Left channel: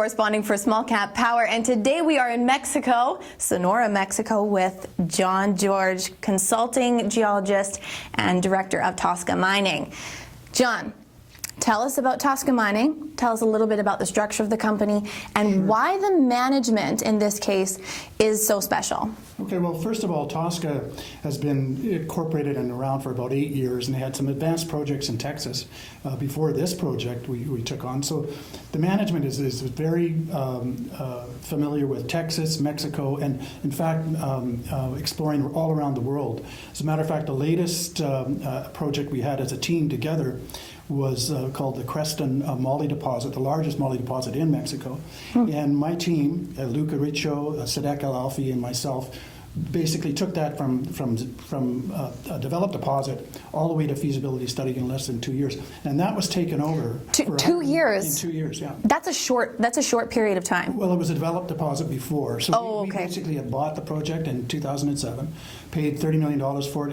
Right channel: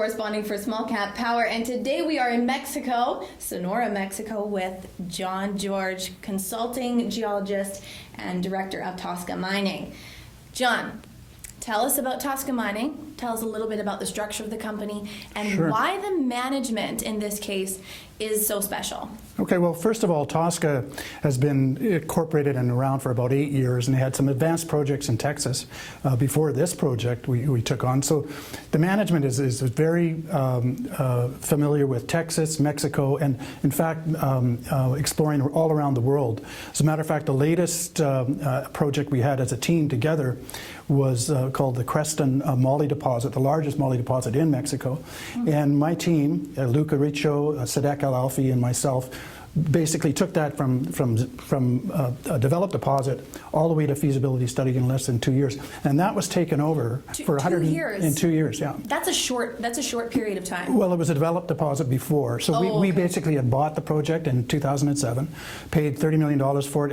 corresponding for Small Cap Power, and today we are in Mexico, Sonora, Mexico, with John George, consulting geologist and director of Tosca Mining. John, tell us about Tosca Mining, tell us a little bit about the structure of the company, and why the management in this case is so special. Okay, well, first of all, Tosca has been incorporated and around for about 8 years, and they had some advanced projects in Texas before this project we took on. So the management is very familiar with Texas, Mexico, and in fact exploring all around the world. As a matter of fact, the latest project we had as a team together was called the Creston Moly deposit, the largest moly deposit in Mexico. And my team, Luca Riccio, Sadek Al-Alfi, and myself, basically took that from a developed deposit all the way to feasibility study in less than 2 years, and that was taken over for 2 years. In 2 years, yeah. That's a short period of time. Well, it was a developed deposit before, so we basically had bought the project in 2007, paid $30 million for it,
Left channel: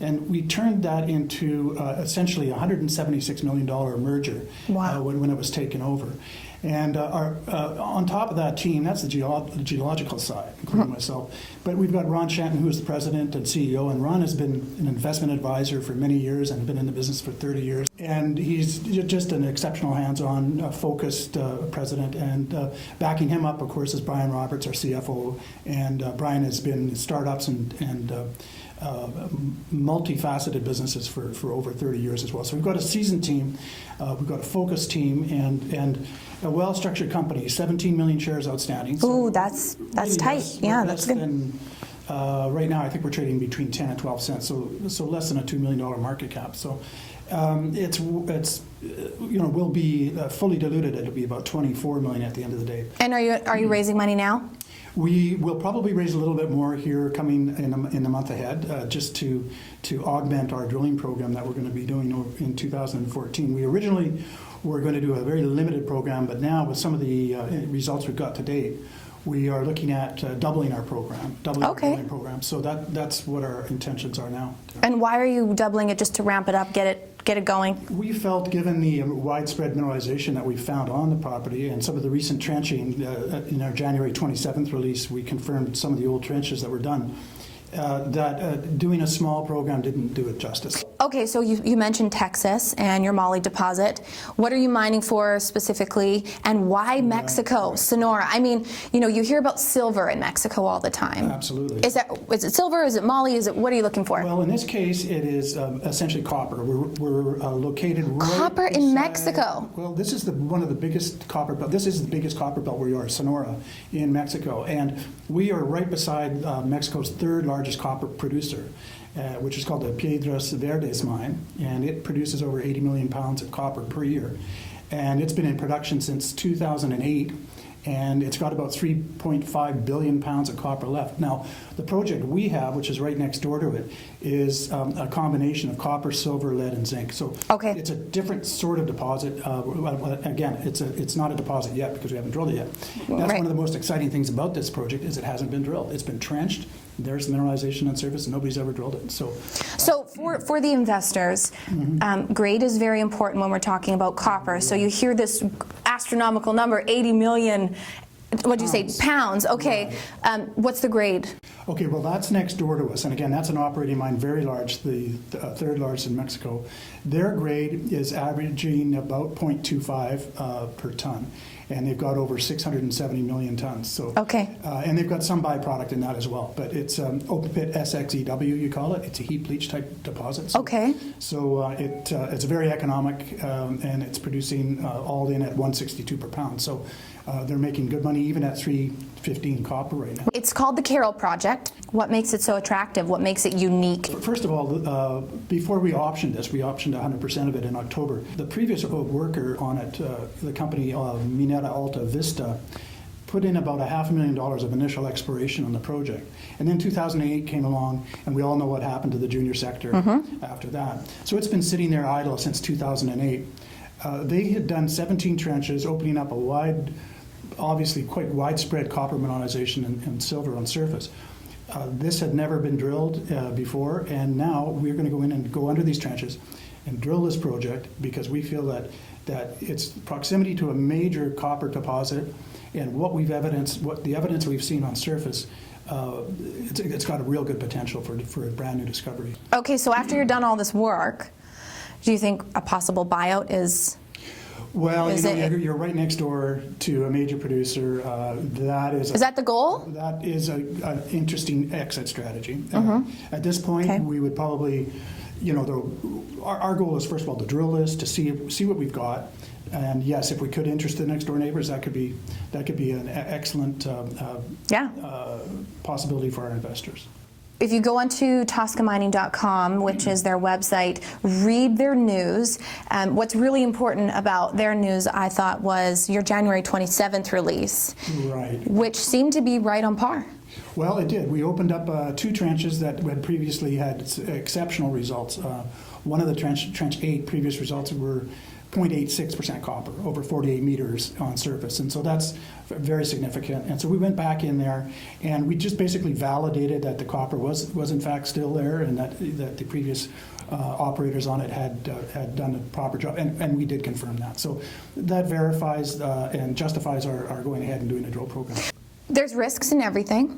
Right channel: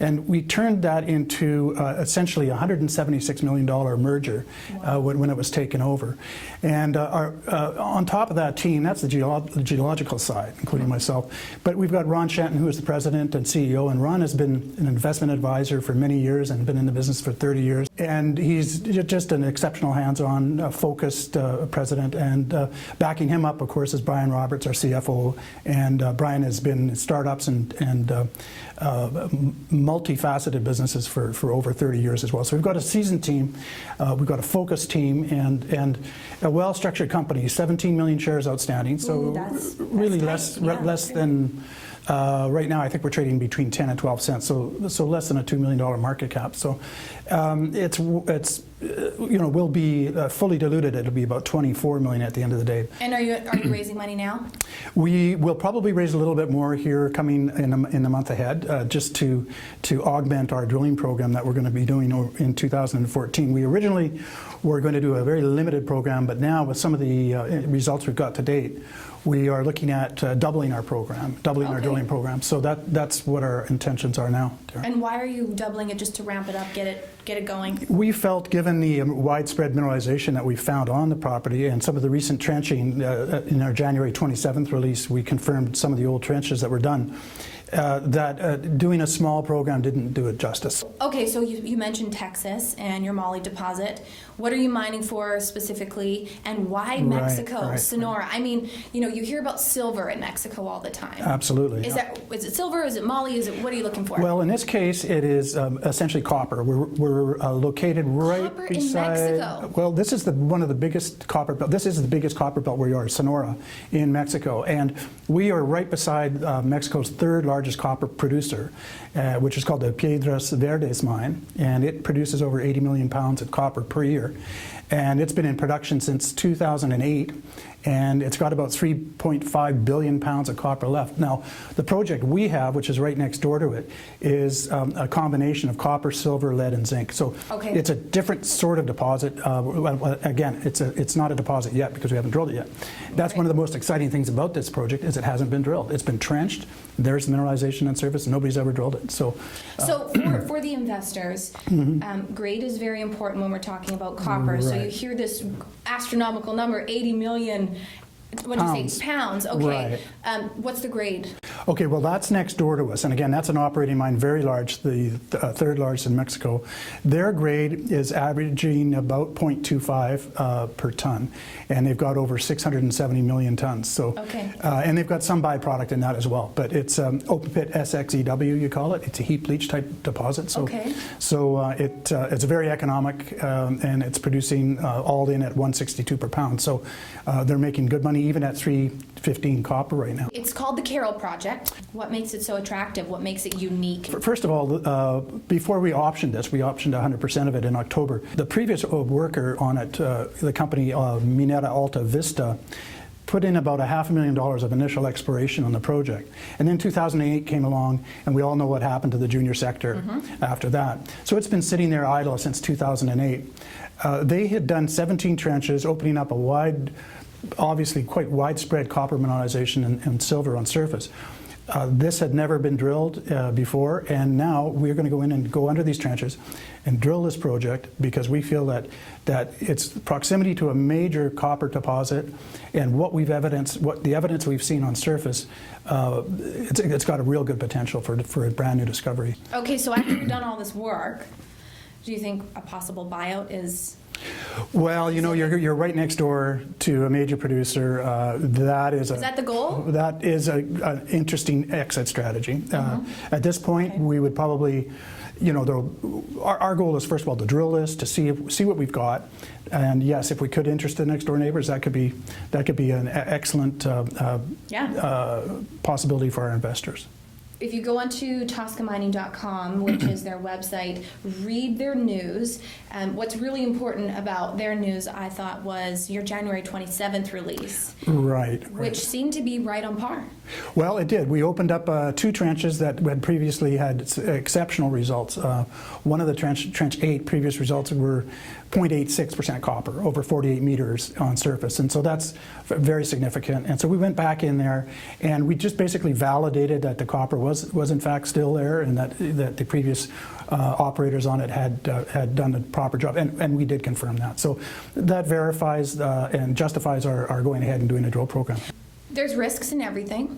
and we turned that into essentially a $176 million merger when it was taken over. And on top of that team, that's the geological side, including myself. But we've got Ron Shanton, who is the president and CEO, and Ron has been an investment advisor for many years and been in the business for 30 years. And he's just an exceptional hands-on, focused president. And backing him up, of course, is Brian Roberts, our CFO. And Brian has been in startups and multifaceted businesses for over 30 years as well. So we've got a seasoned team, we've got a focused team, and a well-structured company. 17 million shares outstanding. So that's really tight. Yeah, less than. Right now, I think we're trading between 10 and 12 cents, so less than a $2 million market cap. So it's will be fully diluted. It'll be about 24 million at the end of the day. And are you raising money now? We will probably raise a little bit more here coming in a month ahead, just to augment our drilling program that we're going to be doing in 2014. We originally were going to do a very limited program, but now with some of the results we've got to date, we are looking at doubling our program, our drilling program. So that's what our intentions are now. And why are you doubling it? Just to ramp it up, get it going? We felt, given the widespread mineralization that we found on the property and some of the recent trenching, in our January 27th release, we confirmed some of the old trenches that were done, that doing a small program didn't do it justice. Okay, so you mentioned Texas and your moly deposit. What are you mining for specifically, and why Mexico, Sonora? I mean, you hear about silver in Mexico all the time. Absolutely. Is it silver? Is it moly? What are you looking for? Well, in this case, it is essentially copper. We're located right Copper in Mexico. Well, this is one of the biggest copper belt. This is the biggest copper belt where you are, Sonora, in Mexico, and we are right beside Mexico's third largest copper producer, which is called the Piedras Verdes mine, and it produces over 80 million pounds of copper per year. And it's been in production since 2008, and it's got about 3.5 billion pounds of copper left. Now, the project we have, which is right next door to it, is a combination of copper, silver, lead, and zinc. So it's a different sort of deposit. Again, it's not a deposit yet because we haven't drilled it yet. That's one of the most exciting things about this project is it hasn't been drilled. It's been trenched. There's mineralization on surface, and nobody's ever drilled it. So for the investors, grade is very important when we're talking about copper. So you hear this astronomical number, 80 million. What'd you say? Pounds. Okay. What's the grade? Okay, well, that's next door to us. And again, that's an operating mine, very large, the third largest in Mexico. Their grade is averaging about 0.25 per ton. And they've got over 670 million tons. So, and they've got some byproduct in that as well. But it's open pit SXEW, you call it. It's a heap leach type deposit. So, it's very economic, and it's producing all in at 162 per pound. So they're making good money even at 315 copper right now. It's called the Carroll Project. What makes it so attractive? What makes it unique? First of all, before we optioned this, we optioned 100% of it in October. The previous worker on it, the company Minera Alta Vista, put in about $500,000 of initial exploration on the project. And then 2008 came along, and we all know what happened to the junior sector after that. So it's been sitting there idle since 2008. They had done 17 trenches, opening up a wide, obviously quite widespread copper mineralization and silver on surface. This had never been drilled before, and now we're going to go in and go under these trenches and drill this project because we feel that its proximity to a major copper deposit and what the evidence we've seen on surface, it's got a real good potential for a brand new discovery. Okay, so after you've done all this work, do you think a possible buyout is? Well, you're right next door to a major producer. Is that the goal? That is an interesting exit strategy. At this point, we would probably, our goal is first of all to drill this, to see what we've got, and yes, if we could interest the next door neighbors, that could be an excellent possibility for our investors. If you go onto ToscaMining.com, which is their website, read their news. What's really important about their news, I thought, was your January 27th release. Right. Which seemed to be right on par. Well, it did. We opened up 2 trenches that had previously had exceptional results. One of the trench 8 previous results were 0.86% copper over 48 meters on surface, and so that's very significant. And so we went back in there and we just basically validated that the copper was in fact still there, and that the previous operators on it had done a proper job, and we did confirm that. So that verifies and justifies our going ahead and doing a drill program. There's risks in everything.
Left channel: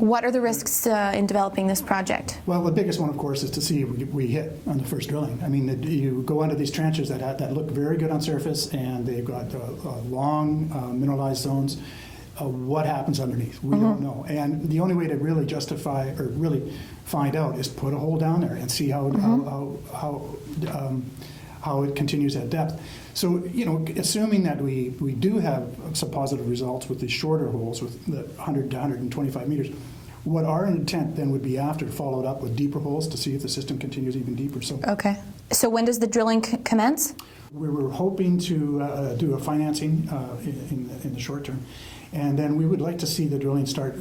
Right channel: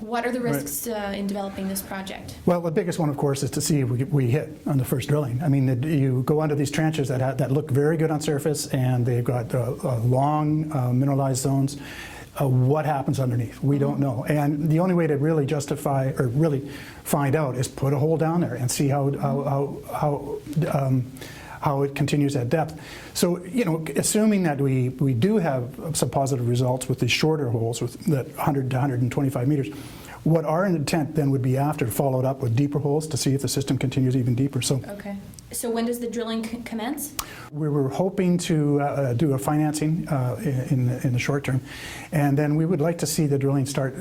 What are the risks in developing this project? Well, the biggest one, of course, is to see if we hit on the first drilling. I mean, you go under these trenches that look very good on surface, and they've got long mineralized zones. What happens underneath? We don't know. And the only way to really justify or really find out is put a hole down there and see how it continues at depth. So, assuming that we do have some positive results with the shorter holes, with the 100 to 125 meters, what our intent then would be after, followed up with deeper holes to see if the system continues even deeper. So, okay. So when does the drilling commence? We were hoping to do a financing in the short term, and then we would like to see the drilling start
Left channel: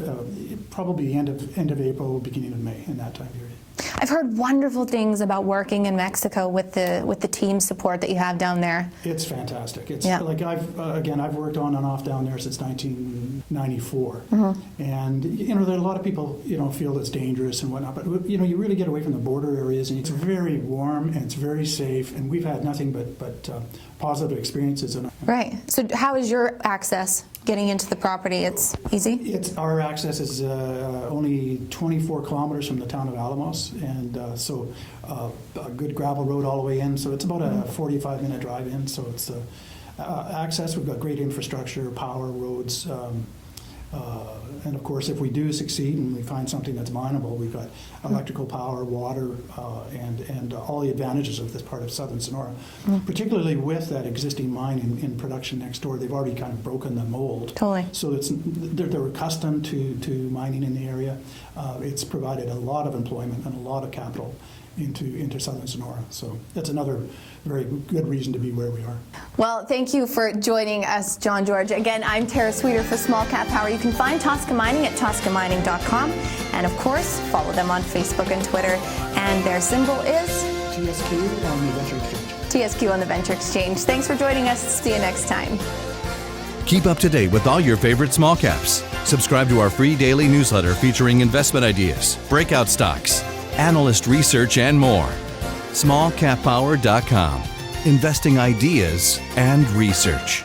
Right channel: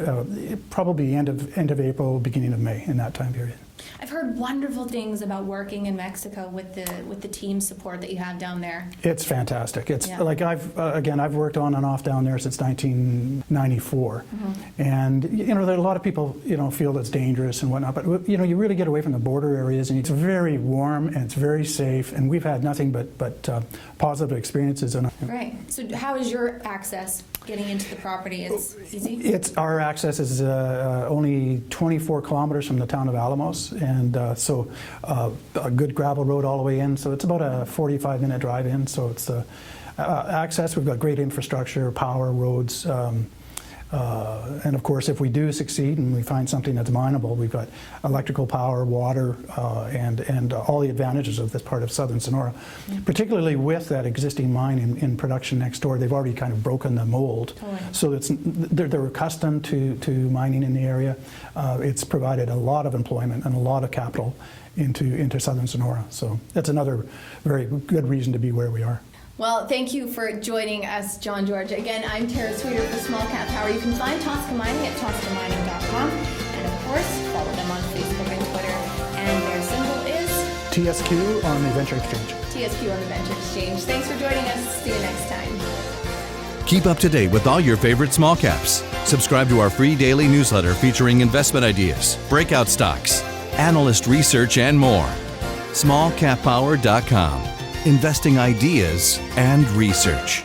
probably end of April, beginning of May, in that time period. I've heard wonderful things about working in Mexico with the team support that you have down there. It's fantastic. It's like I've worked on and off down there since 1994, and there are a lot of people feel it's dangerous and whatnot, but you really get away from the border areas, and it's very warm and it's very safe, and we've had nothing but positive experiences. Right. So how is your access getting into the property? It's easy? Our access is only 24 kilometers from the town of Alamos, and so a good gravel road all the way in, so it's about a 45-minute drive in, so it's access. We've got great infrastructure, power, roads, and of course, if we do succeed and we find something that's mineable, we've got electrical power, water, and all the advantages of this part of southern Sonora. Particularly with that existing mine in production next door, they've already kind of broken the mold. Totally. So they're accustomed to mining in the area. It's provided a lot of employment and a lot of capital into southern Sonora. So that's another very good reason to be where we are. Well, thank you for joining us, John George. Again, I'm Tara Sweeter for Small Cap Power. You can find Tosca Mining at ToscaMining.com, and of course, follow them on Facebook and Twitter. And their symbol is TSQ on the Venture Exchange. TSQ on the Venture Exchange. Thanks for joining us. See you next time. Keep up to date with all your favorite small caps. Subscribe to our free daily newsletter featuring investment ideas, breakout stocks, analyst research, and more. SmallCapPower.com. Investing ideas and research.